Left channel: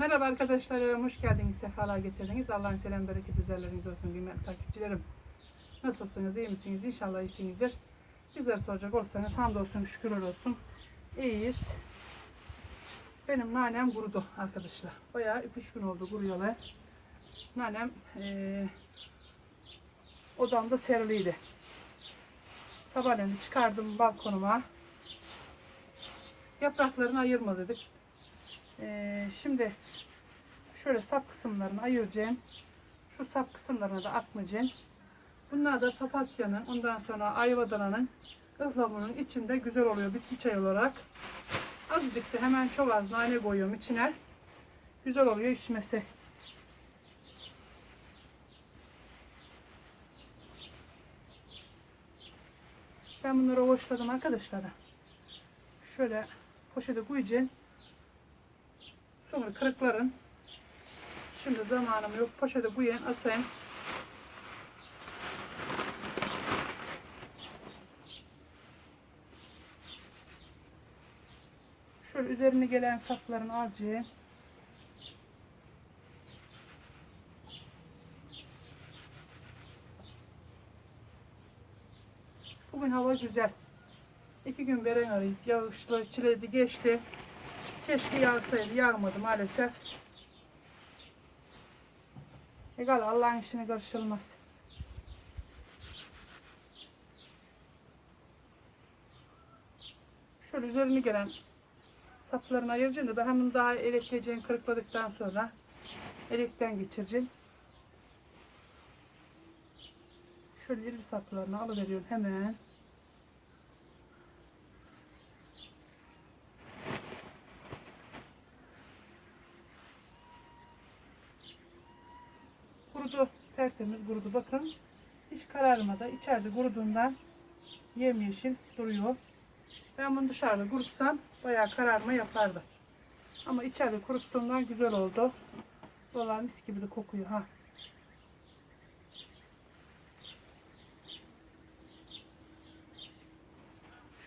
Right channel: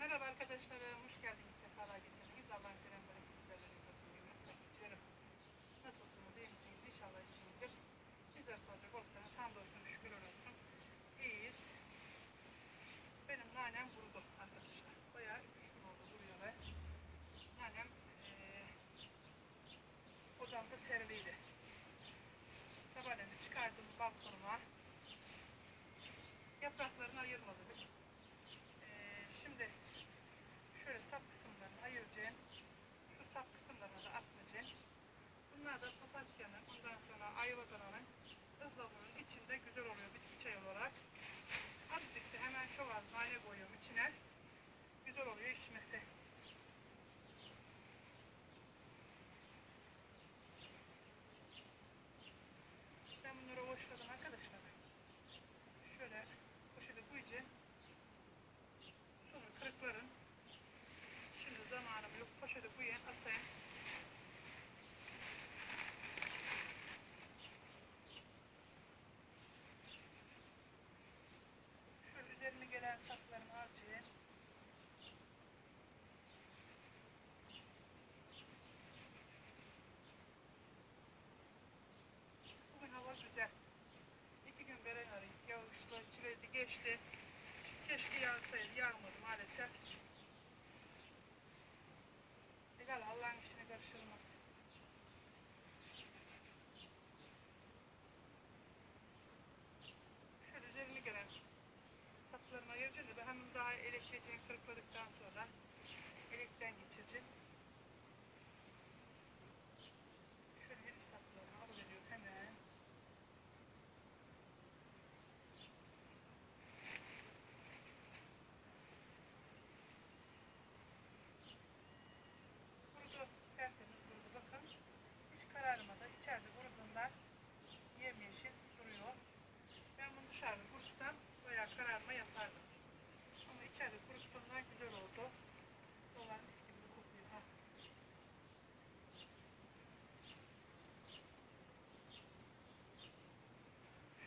Merhaba arkadaşlar, hoş geldiniz, sefalar getirdiniz. Allah'ın selam, bereket üzerleriniz olsun kıymetli takipçilerim. Nasılsınız, iyi misiniz? İnşallah iyisinizdir. Bizleri soracak olursanız hamdolsun, şükürler olsun. İyiyiz. Benim nanem kurudu arkadaşlar. Bayağı 3 gün oldu kuruyorlar. Nanem eee odamda seriliydi. Sabahleyin çıkardım balkonuma. Yapraklarını ayırma dedik. Ee, şimdi şöyle sap kısımlarını ayıracağım. Şu sap kısımlarına da atmayacağım. Bunlar da papatyanın, ondan sonra ayvadananın ıhlamurun içinde güzel oluyor bitki çayı olarak. Azıcık da hemen çok az nane koyuyorum içine. Güzel oluyor içmesi. Ben bunları hoşladım arkadaşlar. Şöyle poşete koyacağım. Sonra kırıkların. Şimdi zamanım yok. Poşete koyayım, asayım. Şöyle üzerine gelen sapların alacağım. Bugün hava güzel. İki gün veren arayıp yağışlı, çiledi geçti. Keşke yağsaydı. Yağmadı maalesef. Egal Allah'ın işine karışılmaz. Şöyle üzerine gelen saplarını ayıracağım da ben hemen daha elektreceğim kırıkladıktan sonra elekten geçireceğim. Şöyle iri saplarını alıveriyorum hemen. Kurudu. Tertemiz kurudu. Bakın. Hiç kararmadı. İçeride kuruduğundan yemyeşil duruyor. Ben bunu dışarıda kurutsam bayağı kararma yapardı. Ama içeride kuruttuğumdan güzel oldu. Dolar mis gibi de kokuyor ha.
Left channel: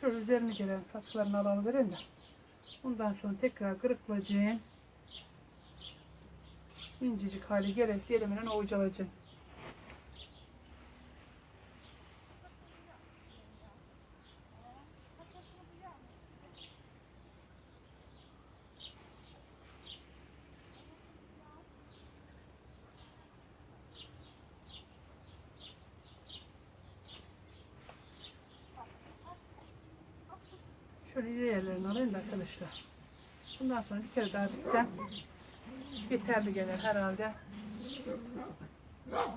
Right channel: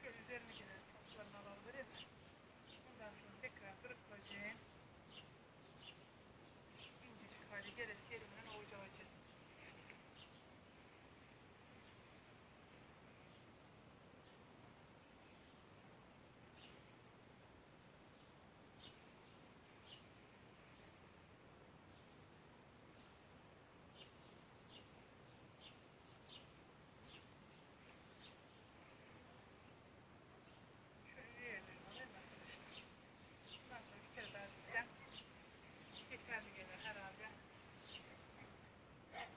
Şöyle üzerine gelen saçlarını alıverelim de. Ondan sonra tekrar kırıklayacağım. İncecik hali gelesi elimle ovucalayacağım. Şöyle iri yerlerini alayım da arkadaşlar. Bundan sonra bir kere daha pişsem yeterli gelir herhalde.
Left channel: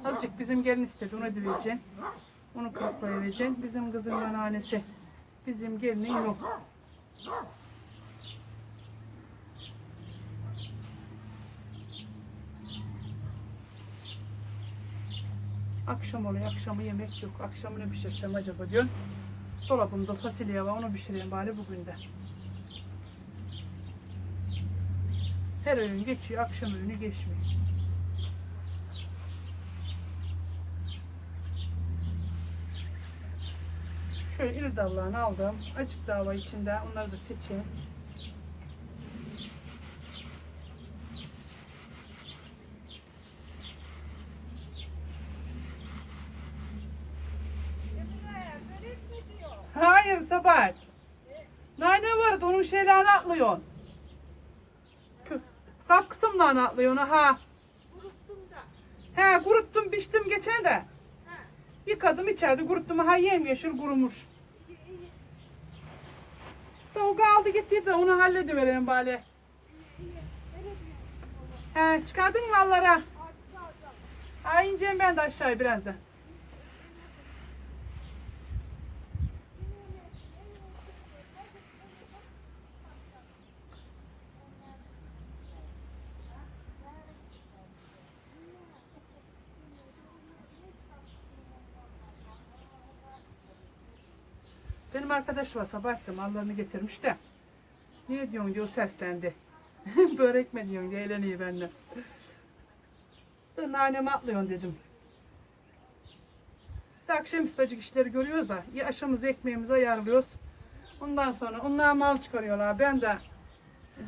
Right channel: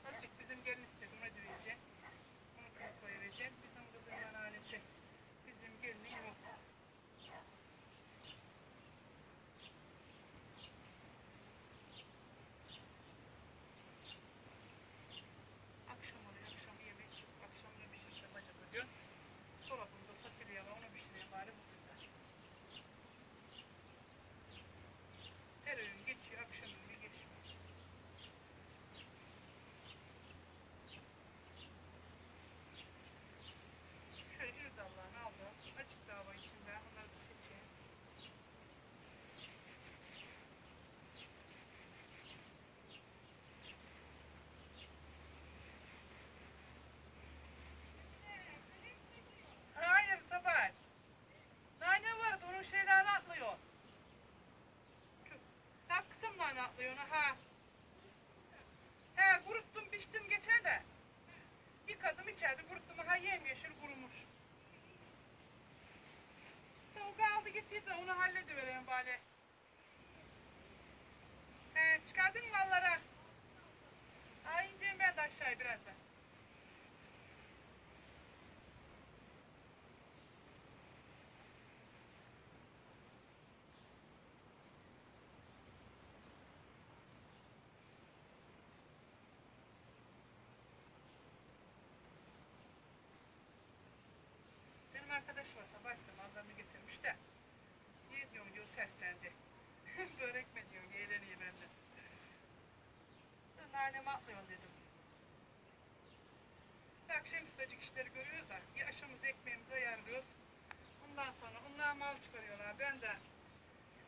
Azıcık bizim gelin istedi onu ödeyeceğim. Onu kırıklayıvereceğim. Bizim kızın anneannesi. Bizim gelinin yok. Akşam oluyor. Akşamı yemek yok. Akşamı ne pişireceğim acaba diyorum. Dolabımda fasulye var. Onu pişireyim bari bugün de. Her öğün geçiyor. Akşam öğünü geçmiyor. Şöyle iri dallarını aldım. Açık dava içinde. Onları da seçeyim. Hayır Sabahat. Nane vardı onun şeylerini atlıyorsun. Sap kısımdan atlıyorsun ha. He kuruttum biçtim geçen de. Yıkadım içeride kuruttum ha yemyeşil kurumuş. O kaldı gitti de onu halledivereyim bari. He çıkardın mı mallara? Ha ineceğim ben de aşağıya birazdan. Benim arkadaş var sabah akşam mallarını getirmiş de. Niye diyorsun diyor seslendi. Börek mi diyorsun diye eğleniyor benden. Nanemi atlıyorsun dedim. İşte akşam üstacık işleri görüyoruz da ya aşamızı ekmeğimizi ayarlıyoruz. Ondan sonra onlar mal çıkarıyorlar. Ben de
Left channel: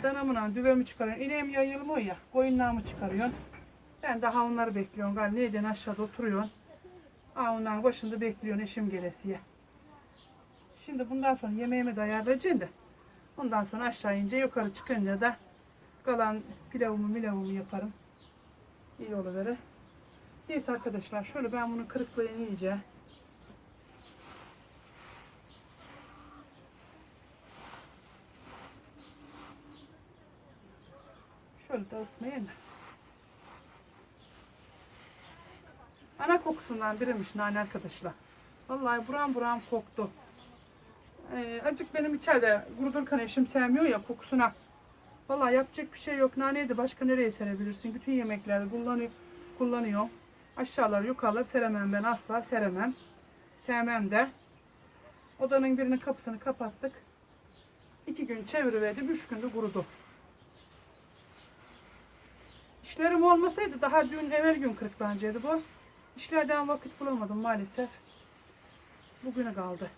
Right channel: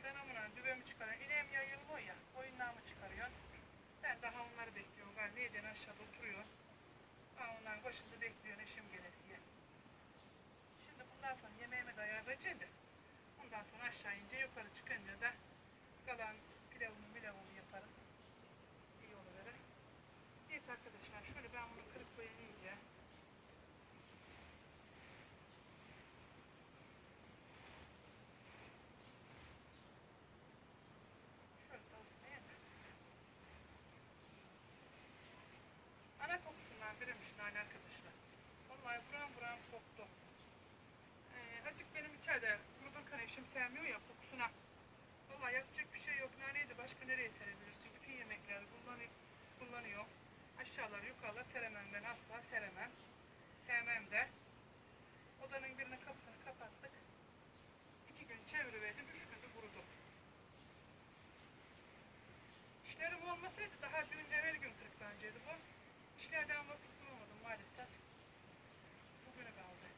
danamla düvemi çıkarıyorsun. İneğim yayılmıyor ya. Koyunlarımı çıkarıyorsun. Ben daha onları bekliyorum. Gal neyden aşağıda oturuyorsun. Aa onların başında bekliyorsun eşim gelesiye. Şimdi bundan sonra yemeğimi de ayarlayacağım da. Ondan sonra aşağı ince yukarı çıkınca da kalan pilavımı milavımı yaparım. İyi oluverir. Neyse arkadaşlar şöyle ben bunu kırıklayayım iyice. Şöyle dağıtmayayım da. Ana kokusundan biriymiş nane arkadaşlar. Vallahi buram buram koktu. Ee, acık benim içeride kurudurken eşim sevmiyor ya kokusuna. Vallahi yapacak bir şey yok. Naneyi de başka nereye serebilirsin? Bütün yemeklerde kullanıyor, kullanıyor. Aşağılar yukarılar seremem ben asla seremem. Sevmem de. Odanın birinin kapısını kapattık. İki gün çeviriverdim. Üç günde kurudu. İşlerim olmasaydı daha dün evvel gün kırıklanacaktı bu. İşlerden vakit bulamadım maalesef. Bugüne kaldı.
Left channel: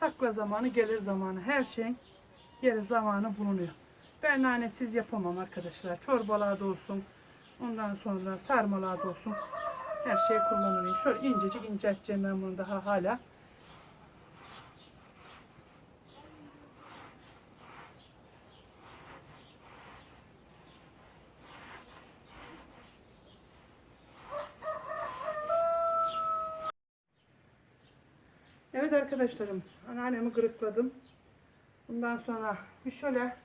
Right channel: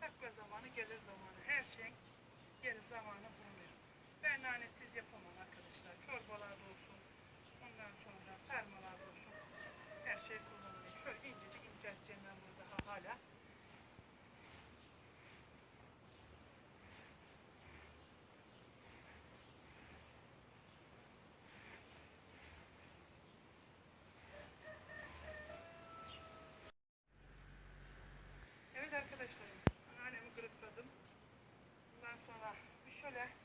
Sakla zamanı gelir zamanı. Her şeyin yeri zamanı bulunuyor. Ben nanesiz yapamam arkadaşlar. Çorbalarda olsun. Ondan sonra sarmalarda olsun. Her şey kullanılıyor. Şöyle incecik incelteceğim ben bunu daha hala. Evet arkadaşlarım, anneannemi kırıkladım. Bundan sonra bir şöyle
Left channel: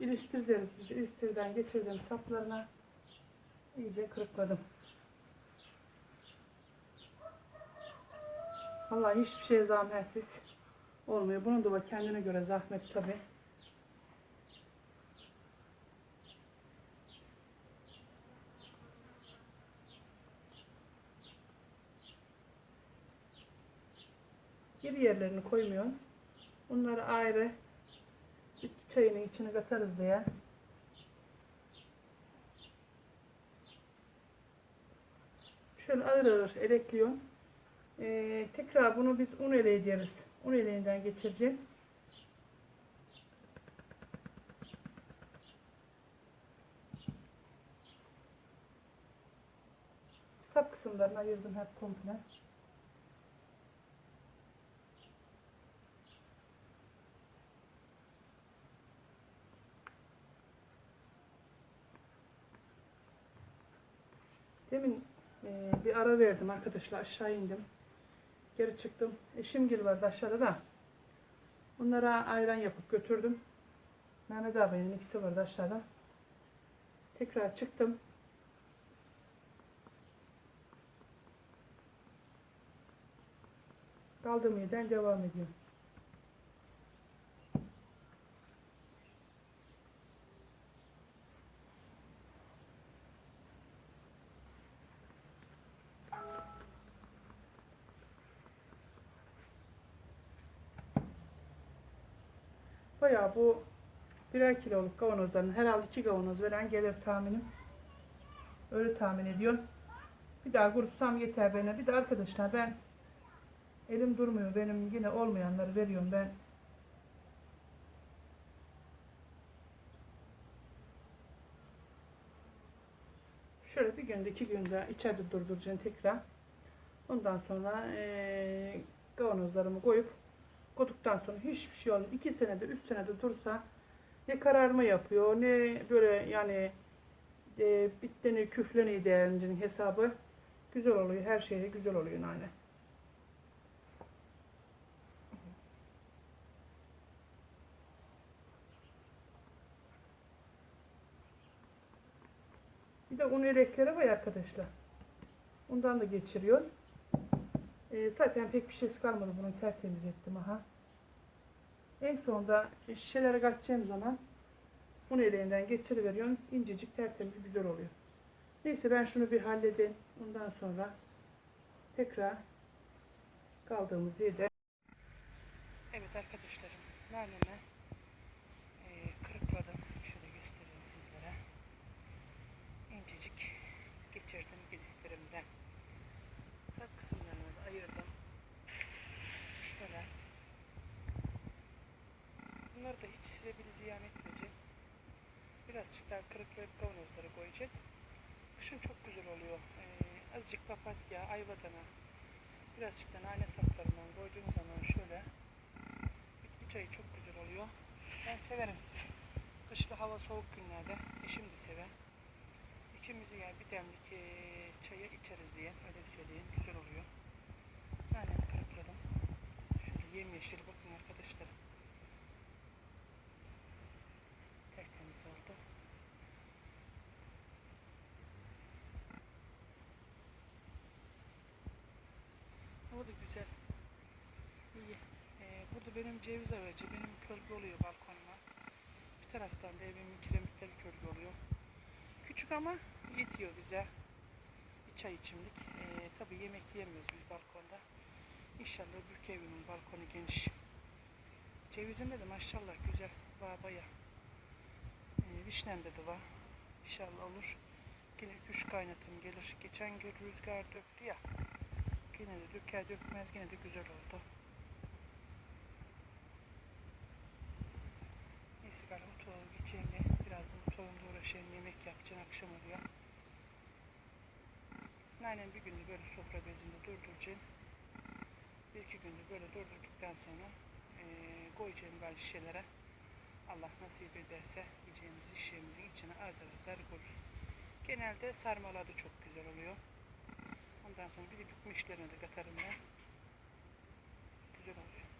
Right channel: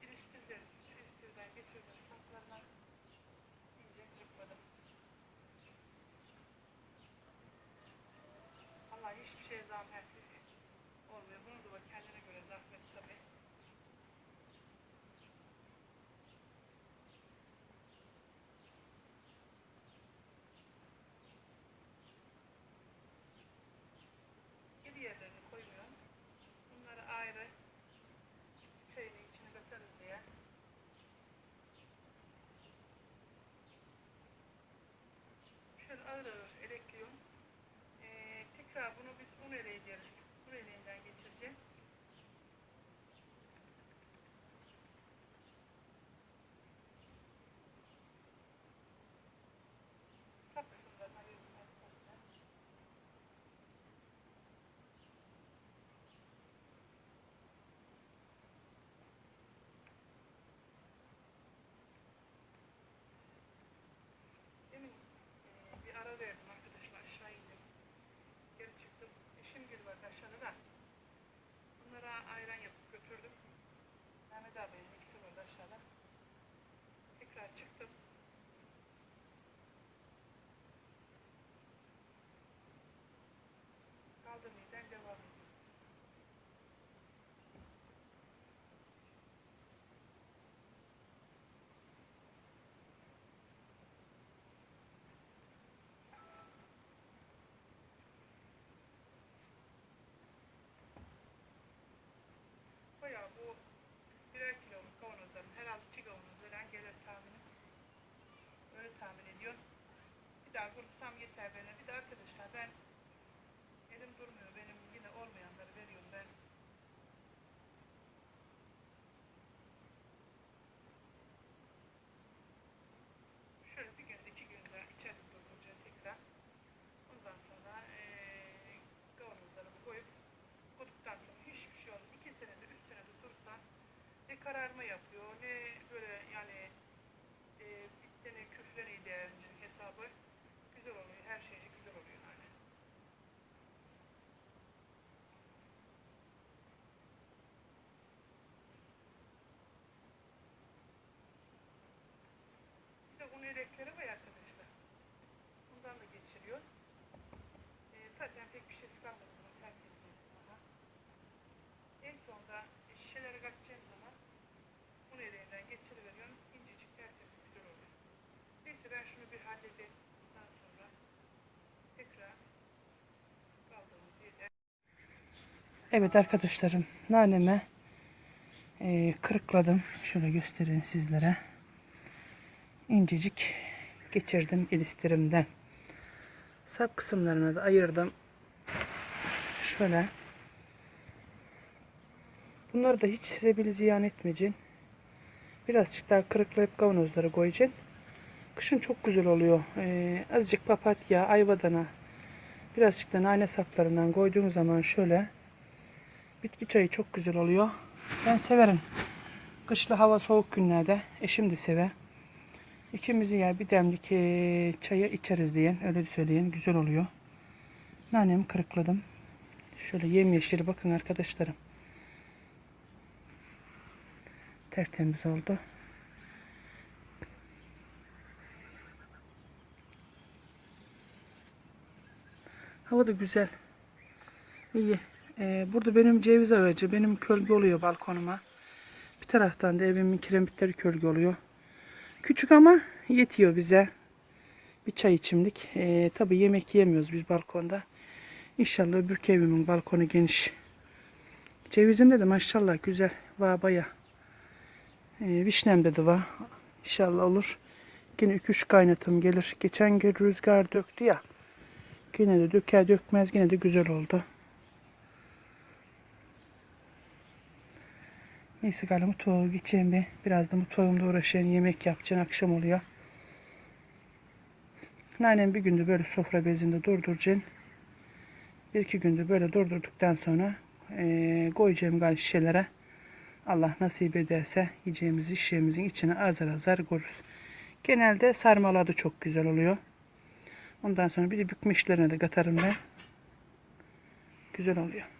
ilistir deriz. İlistirden geçirdim saplarına. iyice kırıkladım. Vallahi hiçbir şey zahmetsiz olmuyor. Bunun da kendine göre zahmet tabi. Geri yerlerini koymuyorum. Bunları ayrı çayının içine katarız diye. Şöyle ağır ağır elekliyorum. Ee, tekrar bunu biz un eleği deriz. Un eleğinden geçireceğim. Sap kısımlarını ayırdım hep komple. Demin e, bir ara verdim arkadaşlar aşağı indim. Geri çıktım. Eşim gel vardı aşağıda da. Onlara ayran yapıp götürdüm. Mehmet abinin ikisi vardı aşağıda. Tekrar çıktım. Kaldığım yerden devam ediyorum. Bayağı bu birer kiloluk kavanozların herhalde iki kavanoz veren gelir tahminim. Öyle tahmin ediyorum. Bir daha kurutsam yeter bana. Bir de arkadaşlar ben elim durmuyor. Benim yine olmayanları veriyorum ben. Şöyle bir günde iki günde içeride durduracağım tekrar. Ondan sonra eee kavanozlarımı koyup Koduktan sonra hiçbir şey olmuyor. İki senede, üç senede dursa ne kararma yapıyor, ne böyle yani e, bitteni, küfleni değerinin hesabı güzel oluyor. Her şeyde güzel oluyor nane. Bir de un elekleri var arkadaşlar. Ondan da geçiriyor. Ee, zaten pek bir şey kalmadı bunu tertemiz ettim aha. En sonunda şişelere kaçacağım zaman bunu elinden geçiriveriyorum. İncecik tertemiz güzel oluyor. Neyse ben şunu bir halledeyim. Ondan sonra tekrar kaldığımız yerde Evet arkadaşlarım naneme e, kırıkladım. Şöyle göstereyim sizlere. İncecik geçirdim ilistirimden. Sap kısımlarını da ayırdım. Şöyle. Bunları da hiç size bile ziyan etmeyeceksin. Birazcık daha kırıklayıp kavanozlara koyacaksın. Kışın çok güzel oluyor. Ee, azıcık papatya, ayvadana, birazcık da nane saplarından koyduğun zaman şöyle bitki çayı çok güzel oluyor. Ben severim. Kışlı hava soğuk günlerde eşim de sever. İkimizi ya bir demlik eee, çaya içeriz diyen öyle söyleyen güzel oluyor. Nanemi kırıkladım. Şöyle yemyeşil bakın arkadaşlarım. Tertemiz oldu. Hava da güzel. İyi. Ee, burada benim ceviz ağacı, benim kölge oluyor balkonuma. Bir taraftan da evimin kiremitleri kölge oluyor. Küçük ama yetiyor bize. Bir çay içimlik. Ee, tabii yemek yemiyoruz biz balkonda. İnşallah öbürkü evimin balkonu geniş. Cevizimde de maşallah güzel. Var baya. Ee, vişnemde de var. İnşallah olur. Yine 2-3 kaynatım gelir. Geçen gün rüzgar döktü ya. Yine de döker dökmez yine de güzel oldu. Neyse galiba mutfağa geçeyim bir. Biraz da mutfağımda uğraşayım. Yemek yapacağım. Akşam oluyor. Annem bir gündür böyle sofra bezinde durduracaksın. Bir iki gündür böyle durdurduktan sonra eee koyacağım galiba şişelere. Allah nasip ederse yiyeceğimizi şişemizin içine azar azar koyarız. Genelde sarmaladı çok güzel oluyor. Ondan sonra bir de bükme de katarım ben. Güzel oluyor.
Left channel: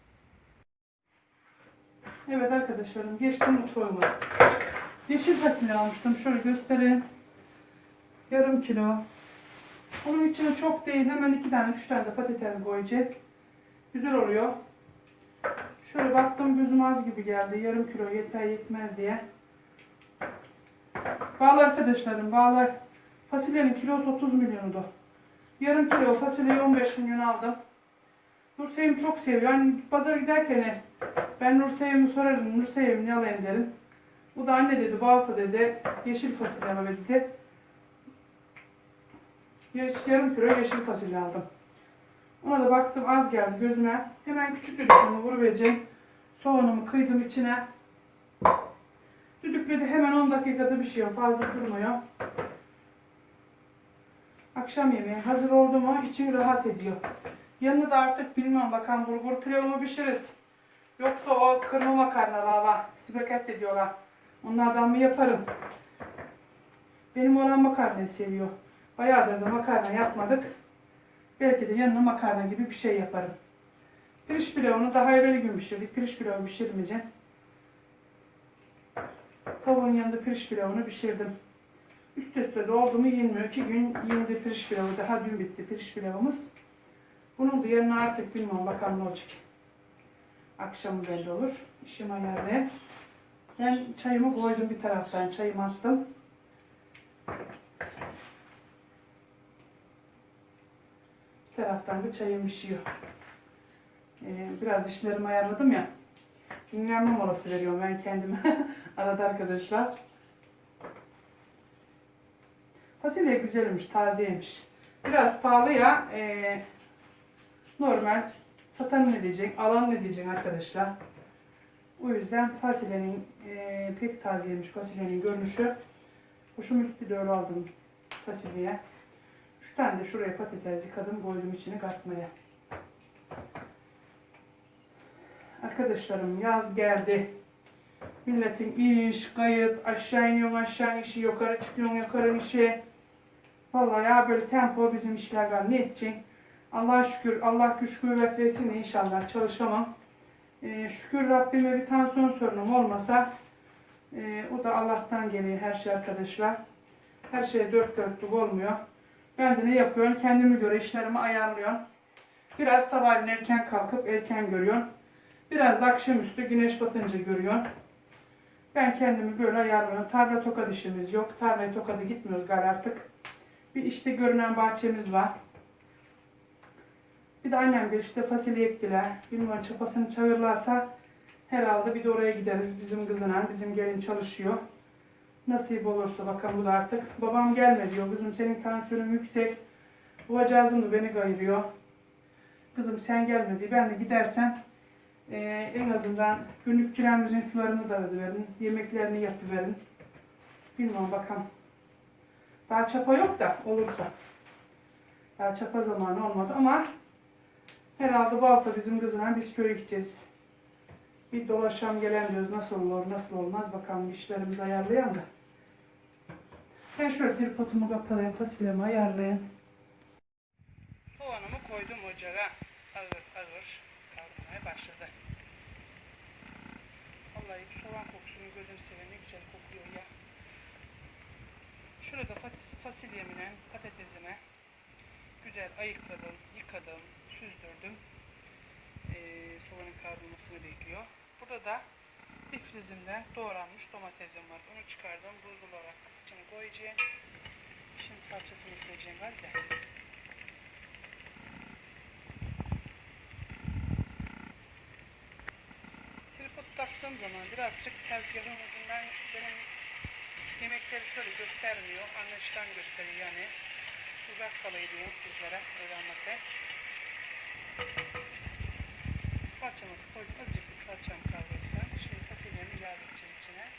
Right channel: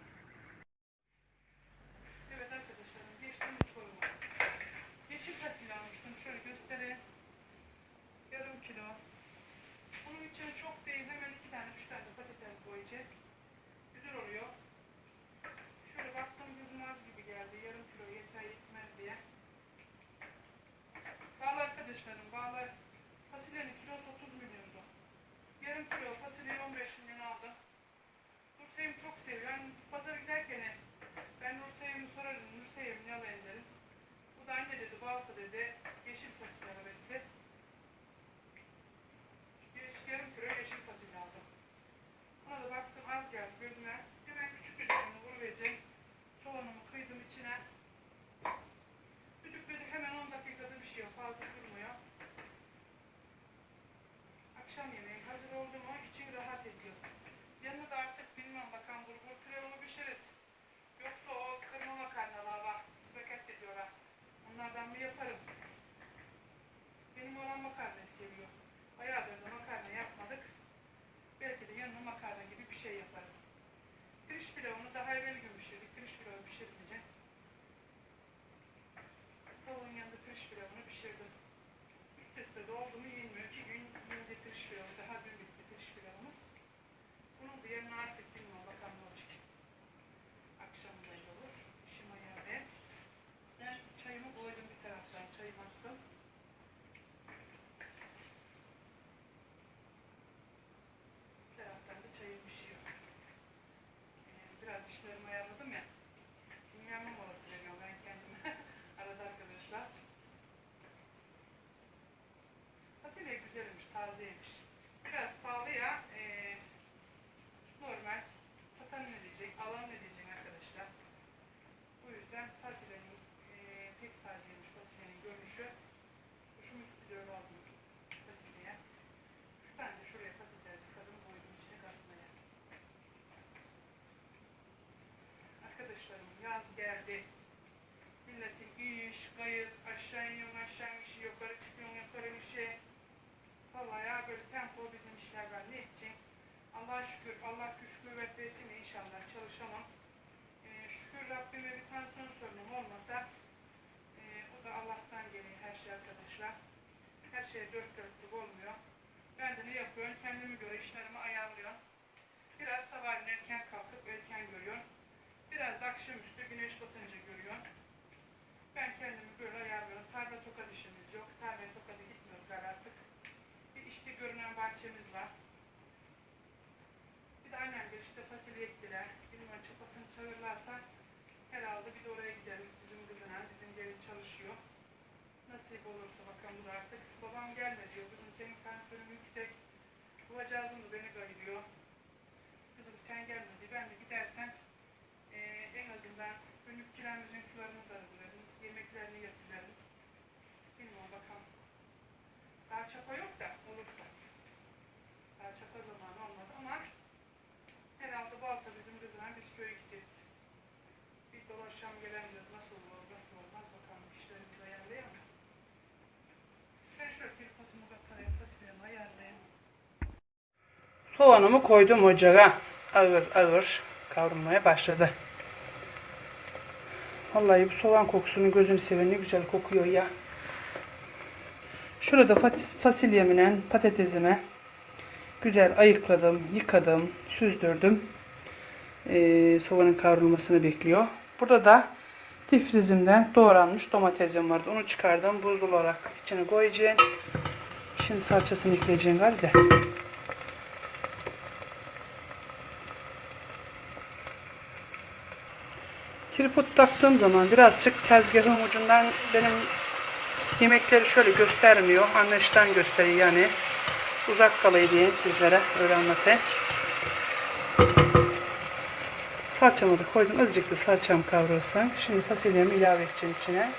Evet arkadaşlarım geçtim mutfağıma. Yeşil fasulye almıştım. Şöyle göstereyim. Yarım kilo. Onun içine çok değil. Hemen iki tane, üç tane de patates koyacak. Güzel oluyor. Şöyle baktım gözüm az gibi geldi. Yarım kilo yeter yetmez diye. Bağlı arkadaşlarım bağlı. Fasulyenin kilosu 30 milyondu. Yarım kilo fasulyeyi 15 milyon aldım. Nursevim çok seviyor. Hani pazara giderken ben Nursevim'i sorarım. Nursevim ne alayım derim. Bu da anne dedi, balta dedi, yeşil fasulye al dedi. Yarım kilo yeşil fasulye aldım. Ona da baktım az geldi gözüme. Hemen küçük düdüklüğümü vuruvereceğim. Soğanumu kıydım içine. Düdükledi hemen 10 dakikada bir şey yok. Fazla durmuyor. Akşam yemeği hazır oldu mu için rahat ediyor. Yanına da artık bilmem bakan bulgur pilavı pişiririz. Yoksa o kırma makarnalar var. Spagetti diyorlar. Onlardan mı yaparım? Benim olan makarnayı seviyor. Bayağıdır da makarna yapmadık. Belki de yanına makarna gibi bir şey yaparım. Pirinç pilavını daha evvel gün pişirdik. Pirinç pilavı pişirmeyeceğim. Tavuğun yanında pirinç pilavını pişirdim. Üst üste de mu yenmiyor. İki gün yendi pirinç pilavı. Daha dün bitti pirinç pilavımız. Bunun da yerine artık bilmem bakalım ne olacak. Akşam belli olur. İşim ayarlı. Ben çayımı koydum bir taraftan. Çayımı attım. Bir taraftan da çayım pişiyor. Ee, biraz işlerimi ayarladım ya. Dinlenme molası veriyorum ben kendime. Arada arkadaşlar. Fasulye güzelmiş, tazeymiş. Biraz pahalı ya. ee, normal. Satan ne diyecek, alan ne diyecek arkadaşlar. O yüzden fasulyenin ee, pek tazeymiş fasulyenin görünüşü. Hoşuma gitti de öyle aldım fasulyeye. Üç tane de şuraya patates yıkadım, koydum içine katmaya. Arkadaşlarım yaz geldi. Milletin iş, kayıt, aşağı iniyorsun aşağı işi, yukarı çıkıyorsun yukarı işi. Vallahi ya böyle tempo bizim işler var. Ne edeceksin? Allah'a şükür, Allah güç kuvvet versin inşallah çalışamam. Ee, şükür Rabbime bir tansiyon sorunum olmasa e, o da Allah'tan geliyor her şey arkadaşlar. Her şey dört dörtlük olmuyor. Ben de ne yapıyorum? Kendime göre işlerimi ayarlıyorum. Biraz sabahleyin erken kalkıp erken görüyorum. Biraz da akşamüstü güneş batınca görüyorum. Ben kendimi böyle ayarlıyorum. Tarla tokat işimiz yok. Tarlaya tokada gitmiyoruz galiba artık. Bir işte görünen bahçemiz var. Bir de annem bir işte fasulye ektiler. Bilmiyorum çapasını çağırırlarsa herhalde bir de oraya gideriz. Bizim kızına, bizim gelin çalışıyor. Nasip olursa bakalım bu da artık. Babam gelme diyor. Kızım senin tansiyonun yüksek. Babacığım da beni kayırıyor. Kızım sen gelme diye ben de gidersen eee, en azından günlükçülerimizin sularını da verin, yemeklerini yapıverin. Bilmem bakalım. Daha çapa yok da olursa. Daha çapa zamanı olmadı ama herhalde bu hafta bizim kızına biz köye gideceğiz. Bir dolaşam gelen diyoruz nasıl olur nasıl olmaz bakalım işlerimizi ayarlayalım da. Ben şöyle tripodumu kapatayım fasulyemi ayarlayayım. Soğanımı koydum ocağa. Ağır ağır kavrulmaya başladı. Vallahi bu soğan kokusunun gözünü seven ne güzel kokuyor ya. Şurada fas- fasulyemle patatesimi güzel ayıkladım, yıkadım, süzdürdüm. Ee, soğanın kavrulmasını bekliyor. Burada da difrizimden doğranmış domatesim vardı. Onu çıkardım. Buzlu olarak içine koyacağım. Şimdi salçasını ekleyeceğim galiba. Tripod taktığım zaman birazcık tezgahın ucundan benim yemekleri şöyle göstermiyor. Anlayıştan gösteriyor yani. Uzak kalayım diye sizlere öyle anlatayım. Salçamı da koydum. Azıcık da salçam kavrulsun. Şimdi fasulyemi ilave edeceğim içine.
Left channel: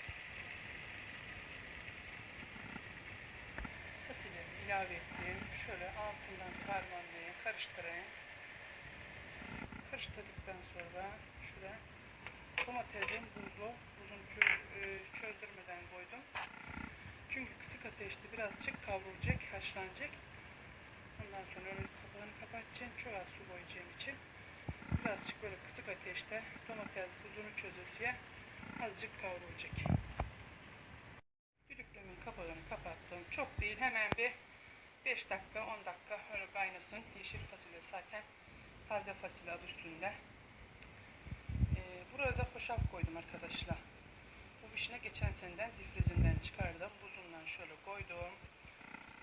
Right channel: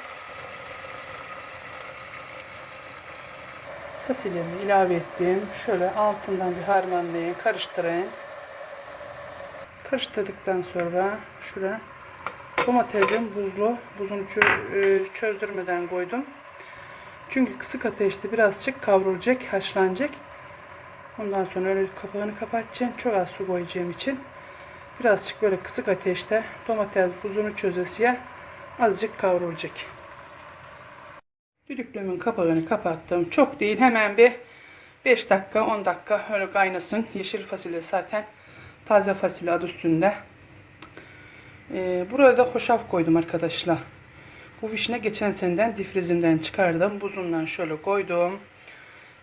Fasulyemi ilave ettim. Şöyle altından bir harmanlayayım, karıştırayım. Karıştırdıktan sonra şuraya domatesim buzlu. Buzunu e, çözdürmeden koydum. Çünkü kısık ateşte birazcık kavrulacak, haşlanacak. Ondan sonra öyle kapağını kapatacağım. Çok az su koyacağım için. Birazcık böyle kısık ateşte domates buzunu çözesiye azıcık kavrulacak. Düdüklümün kapağını kapattım. Çok değil hemen bir 5 dakika 10 dakika öyle kaynasın. Yeşil fasulye zaten taze fasulye adı üstünde. Ee, buraya da hoşaf koydum arkadaşlar. Bu vişne geçen seneden difrizimden çıkardım. Buzundan şöyle koydum.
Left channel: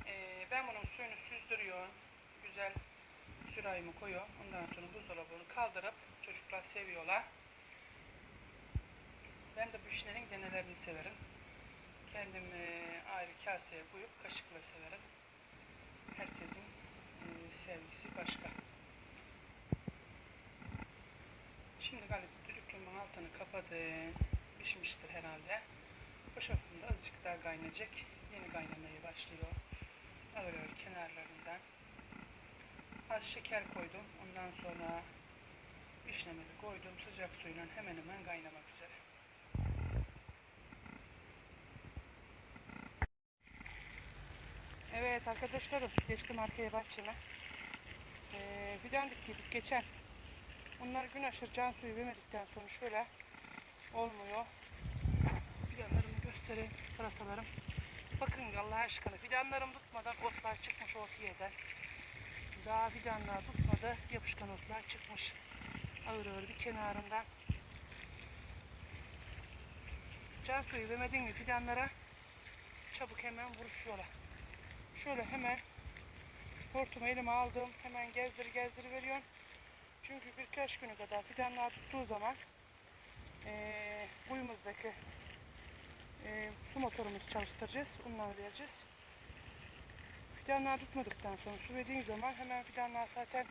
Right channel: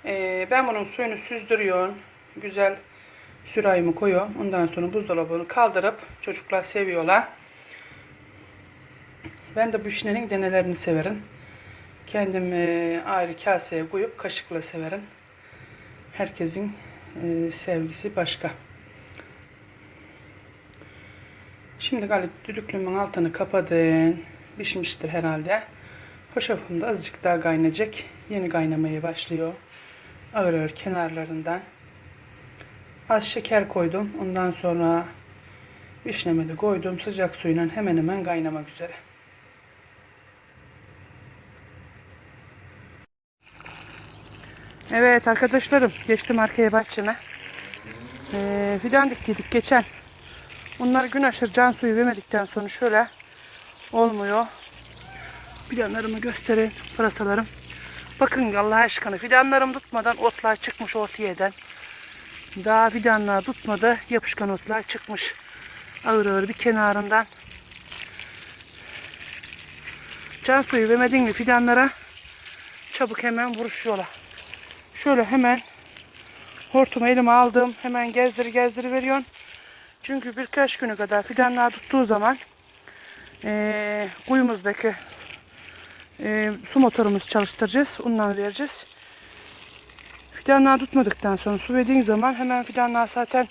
Ee, ben bunun suyunu süzdürüyorum. Güzel sürahimi koyuyorum. Ondan sonra buzdolabını kaldırıp çocuklar seviyorlar. Ben de bu vişnenin denelerini severim. Kendim e, ayrı kaseye koyup kaşıkla severim. Herkesin e, sevgisi başka. Şimdi galiba düdüklümün altını kapadım. Pişmiştir herhalde. Hoşafım da azıcık daha kaynayacak. Yeni kaynamaya başlıyor. Ağır kenarlarından. Az şeker koydum. Ondan sonra vişnemi de koydum. Sıcak suyla hemen hemen kaynamak üzere. Evet arkadaşlarım geçtim arkaya bahçeme. Ee, fidan diktiydik geçen. Bunlar gün aşırı can suyu vermedikten sonra şöyle olmuyor. Fidanlarımı göstereyim pırasalarım. Bakın Allah aşkına fidanlarım tutmadan otlar çıkmış ortaya Daha fidanlar tutmadı yapışkan otlar çıkmış. Ağır ağır bir kenarından. Can suyu vermedin mi fidanlara çabuk hemen vuruşuyorlar. Şöyle hemen hortumu elime aldım. Hemen gezdir gezdir veriyorsun. Çünkü birkaç günü kadar fidanlar tuttuğu zaman eee kuyumuzdaki eee, su motorumuzu çalıştıracağız. Ondan vereceğiz. Fidanlar tutmadıktan sonra su verdiğin zaman hemen fidanlar zaten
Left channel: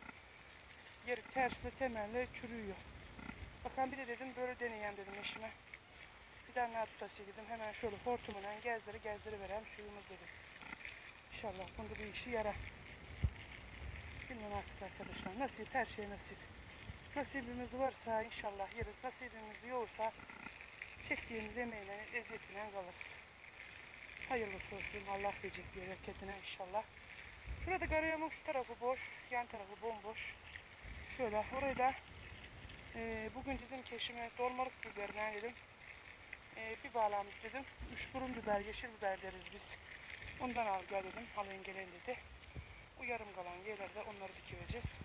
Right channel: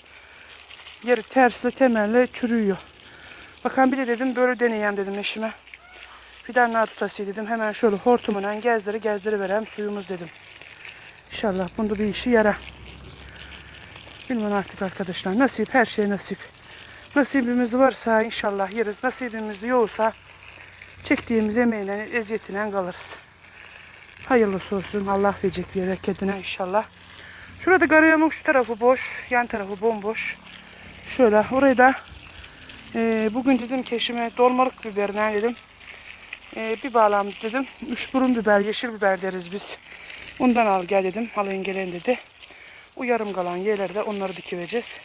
yeri tersle temelle çürüyor. Bakan bir de dedim böyle deneyeyim dedim eşime. Fidanlar tutası dedim. Hemen şöyle hortumuna gezdiri gezdiri verem suyumuz dedim. İnşallah bunda bir işi yarar. Bilmem artık arkadaşlar. Nasip her şey nasip. Nasibimiz varsa inşallah yeriz. Nasibimiz yoksa çektiğimiz emeğine, eziyetiyle kalırız. Hayırlısı olsun. Allah verecek bir bereketine inşallah. Şurada garayamın şu tarafı boş. Yan tarafı bomboş. Şöyle orayı da e, bugün dedim ki eşime dolmalık biberine dedim. E, bir bağlam dedim. Üç burun biber, yeşil biber deriz biz. Ondan al gel dedim. Alayın gelen dedi. O yarım kalan yerlerde onları dikivereceğiz.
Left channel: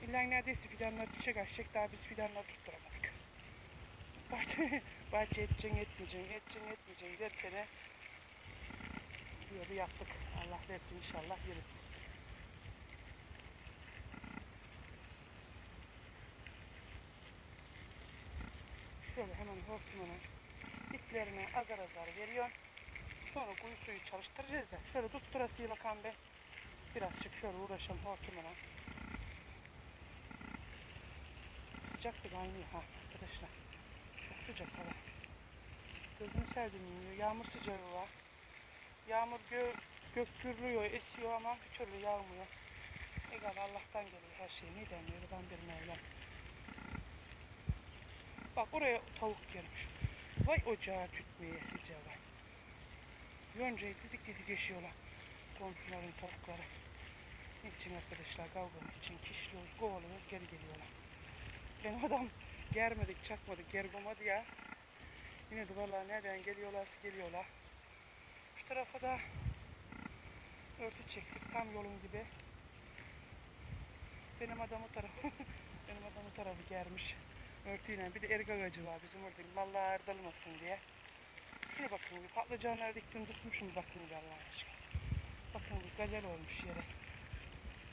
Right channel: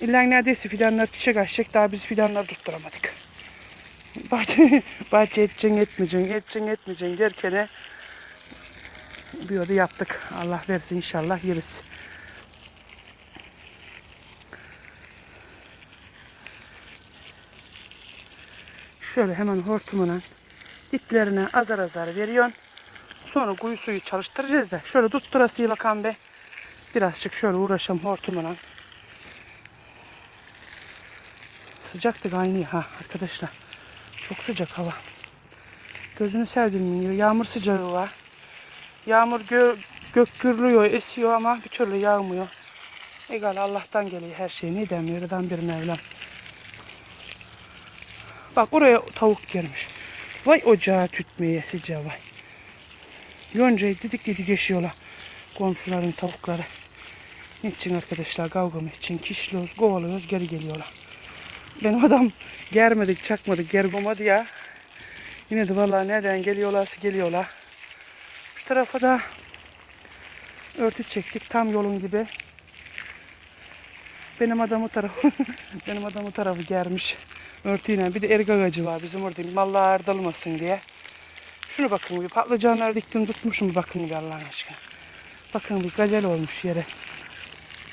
İlla neredeyse fidanlar çiçek açacak. Daha biz fidanları tutturamadık. Bahçe, bahçe edeceksin etmeyeceksin, edeceksin etmeyeceksin derken yolu yaptık. Allah versin inşallah yeriz. Şöyle hemen hortumuna diplerine azar azar veriyorsun. Sonra kuyu suyu çalıştıracağız da. Şöyle tutturasıyla bakan be. Birazcık şöyle uğraşalım hortumuna. Sıcaktı kaynıyor ha arkadaşlar. Çok sıcak hava. Gözünü sevdim diyor. Yağmur sıcağı var. Yağmur gö gök gürlüyor, esiyor ama bir türlü yağmıyor. Egal Allah'tan geliyor her şey. Ne demiyor? Yaradan bir Mevlam. Bak oraya tavuk girmiş. Vay ocağı tütmeye sıcağı vay. Yoncayı didik didik yaşıyorlar. Komşuların tavukları. Niçin arkadaşlar kavga mı için kişliyoruz, kovalıyoruz, geri geliyorlar. Benim adam germedik, çakmadık, gergomadı ya. Yine de vallahi nereden geliyorlarsa geliyorlar. Şu tarafa da örtü çektik tam yolun gibi. Benim adam o tarafı, benim adam o tarafı germiş örtüyle. Bir de erik ağacı var bizim orada mallar dalmasın diye. Şunu bakın bir patlıcanlar diktim tutmuşum bakın bir Allah'ın aşkına. Bakın bir gazel olmuş yere.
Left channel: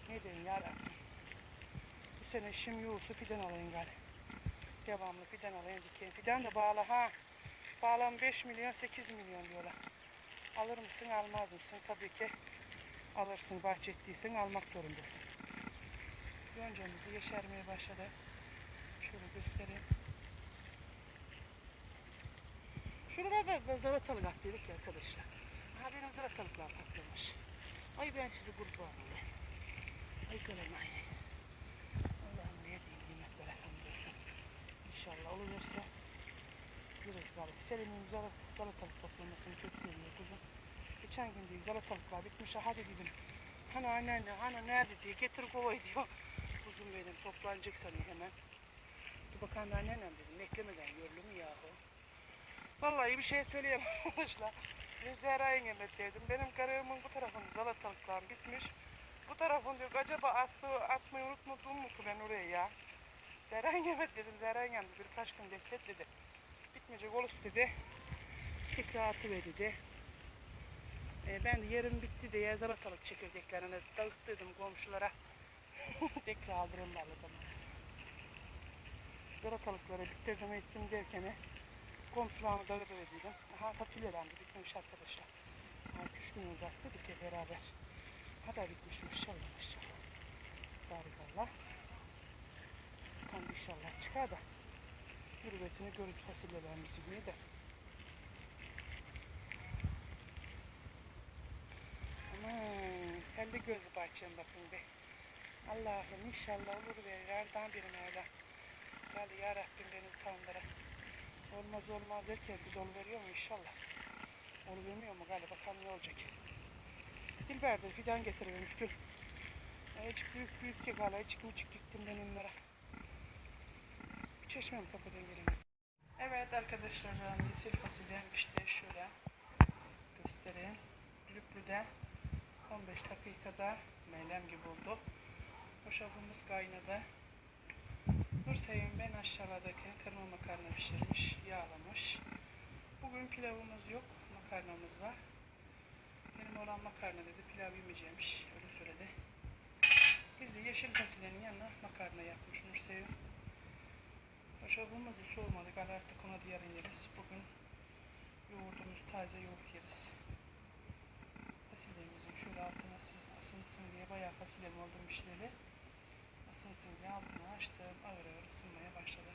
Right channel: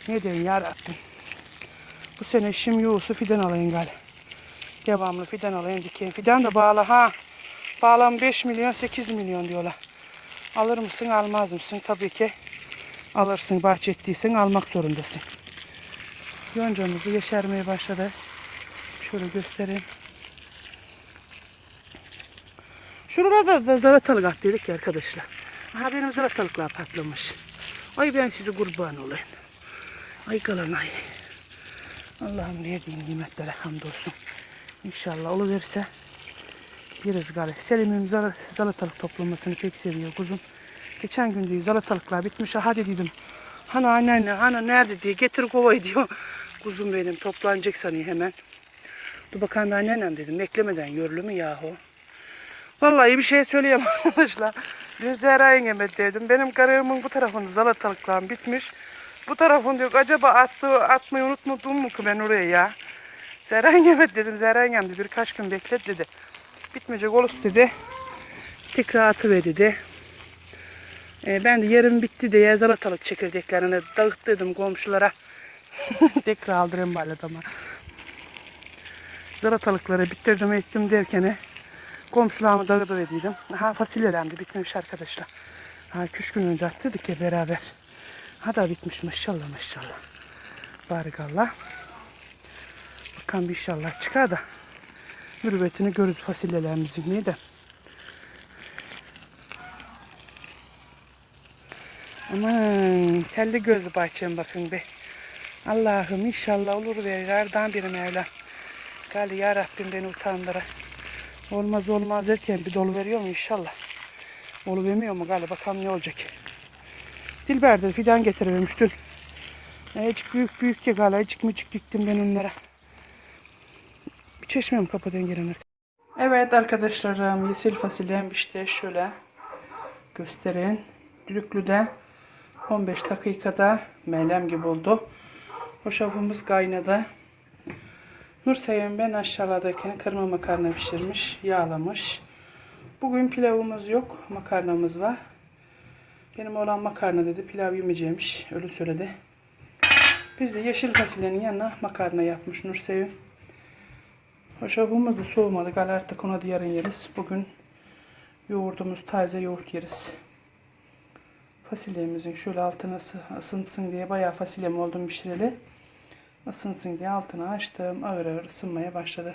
Ne diyeyim yarabbim. Bu sene işim yoğursa fidan alayım gal. Devamlı fidan alayım dikeyim. Fidan da bağlı ha. Bağlam 5 milyon 8 milyon diyorlar. Alır mısın almaz mısın? Tabii ki alırsın bahçettiysen almak zorundasın. Yoncamızı yeşermeye başladı. Şöyle göstereyim. Şurada da zaratalık attıydık ya arkadaşlar. Aha benim zaratalıklar patlamış. Ay ben size kurban olayım. Ay kalan ay. Allah'ım niye bin nimetlere hamdolsun. İnşallah oluverse yeriz gari. Selim'im zar- salatalık toplamasını pek seviyor kuzum. Geçen gün diyor salatalıklar bitmiş. Hadi dedim. Hani anneanne hani nerede diye getir kovayı diyor. Kuzum benim toplanacak sanıyor hemen. Dur bakalım anneannem dedim. Beklemeden yorulu mu yahu? Vallahi bir şey söyleyemem arkadaşlar. Dün Zehra yengeme dedim. Benim karımın bu tarafında salatalıklarım bitmiş. Bu tarafın diyor acaba attı, atmayı unutmadım mu ki ben oraya ya? Zehra yengeme dedim. Yengem de birkaç gün beklet dedi. Bitmeyecek olursa dedi. Tekrar atıver dedi. E, ben de yarım bitti diye salatalık çekirdeklerini dağıttırdım komşulara. Tekrar aldırayım bari adama. Zaratalıkları bitirdim ettim derken komşularımı dağıtıverdiydim. Ha fasulyelerim de bitmiş arkadaşlar. Ha küç gün önce attık ya beraber. Ha da bitmiş maşallah maşallah. Barikallah. Bakalım inşallah çıkar da. Mürüvvetini görürüz fasulyelerimizin neydi? Aman telli gözlü bahçem bakın be. Allah'ım inşallah olur ve yardan bir Mevla. Gali ya Rabbim beni utandıra. Olmaz olmaz derken bir dolu veriyor mu inşallah. Olu vermiyor mu gali bakalım ne olacak. Dilber'de fidan getirivermiş dün. Azıcık büyük büyük ya gali azıcık mücük diktim ben onlara. Çeşmem kapıdan gelen Evet arkadaşlarım yeşil fasulyem işte şöyle göstereyim. Düdüklüde 15 dakikada melem gibi oldu. Hoşafımız kaynadı. Nurseyim ben aşağıdakini kırma makarna pişirmiş, yağlamış. Bugün pilavımız yok, makarnamız var. Benim olan makarna dedi, pilav yemeyeceğimiş, öyle söyledi. Biz de yeşil fasulyenin yanına makarna yapmış Nurseyim. Hoşafımız da soğumadı, gal artık ona yarın yeriz. Bugün yoğurdumuz, taze yoğurt yeriz. Fasulyemizin şöyle altına ısı- ısınsın diye bayağı fasulyem oldum pişireli. Isınsın diye altını açtım. Ağır ağır ısınmaya başladı.